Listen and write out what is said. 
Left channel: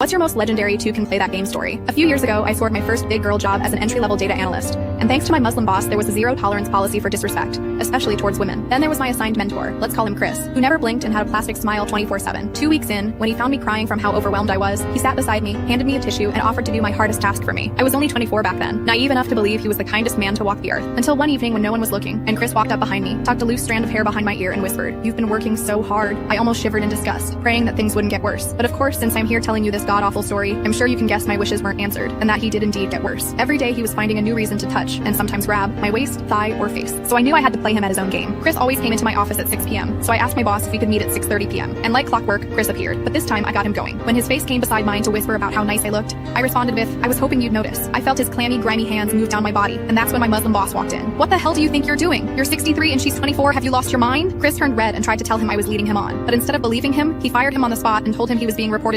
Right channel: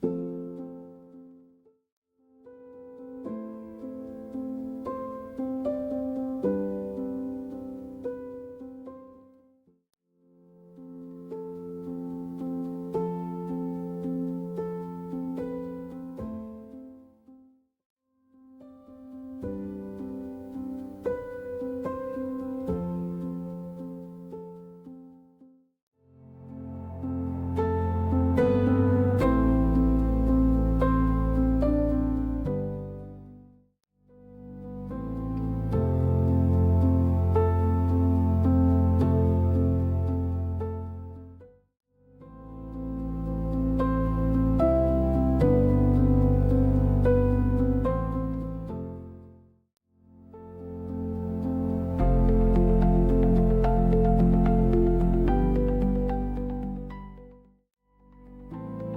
What's your most legendary two can play that game story? A few years ago, I scored my first big girl job as an entry-level data analyst. And thanks to my Muslim boss, there was a zero-tolerance policy for disrespect, especially towards women. Then there was my assigned mentor, let's call him Chris, who never blinked and had a plastic smile 24/7. 2 weeks in, when he found me crying from how overwhelmed I was, he sat beside me, handed me a tissue, and offered to do my hardest task for me. I was only 24 back then, naive enough to believe he was the kindest man to walk the earth. Until one evening when no one was looking, and Chris walked up behind me, tucked a loose strand of hair behind my ear, and whispered, "You've been working so hard." I almost shivered in disgust, praying that things wouldn't get worse. But of course, since I'm here telling you this god-awful story, I'm sure you can guess my wishes weren't answered, and that he did indeed get worse. Every day he was finding a new reason to touch, and sometimes grab, my waist, thigh, or face. So I knew I had to play him at his own game. Chris always came into my office at 6 p.m., so I asked my boss if we could meet at 6:30 p.m. And like clockwork, Chris appeared. But this time I got him going. When his face came beside mine to whisper about how nice I looked, I responded with, "I was hoping you'd notice." I felt his clammy, grimy hands move down my body, and that's when my Muslim boss walked in. "What the hell do you think you're doing? You're 63 and she's 24, have you lost your mind?" Chris turned red and tried to tell him I was leading him on. But instead of believing him, he fired him on the spot and told him he was being reported